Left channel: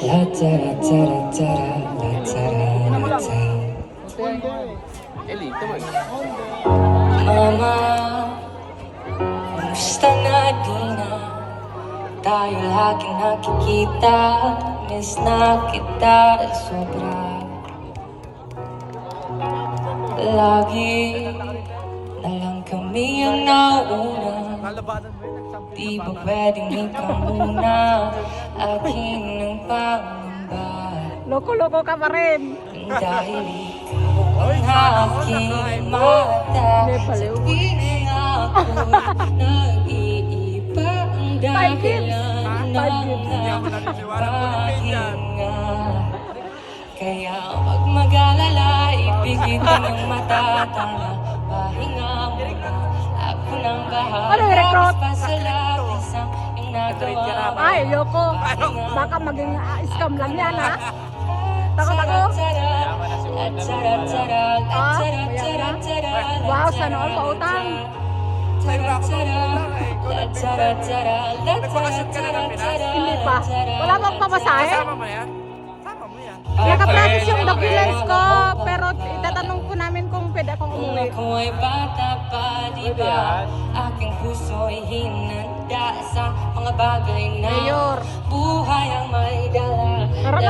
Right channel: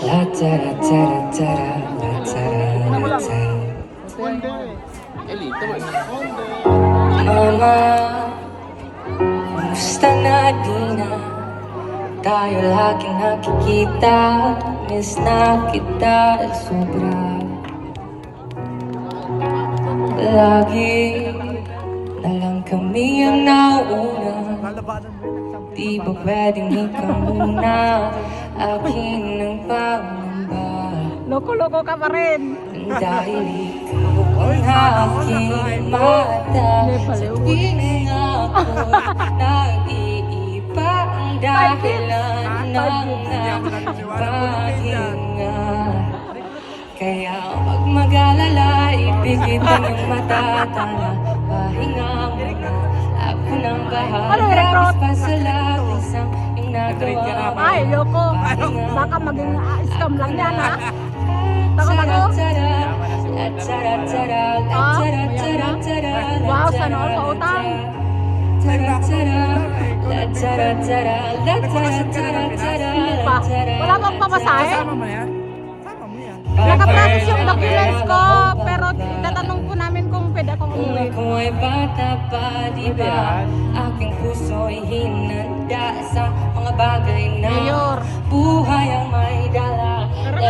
Mama, kumusta na di na tayo laging nakikita Miss na kita sobra. Lagi na lang kami ang nauna. Di ba pwedeng ikaw muna? Akin ang pangamba Dahil ikaw ang aking mata Sa tuwing ako nag-iiba Ang dahilan ng pahinga Kaya pag mag-alala, ipikit ang iyong matatala Kasama mo yan? Kasama mo yan. Pa ba? Kung ako ay bata pa, di? Aking puso ay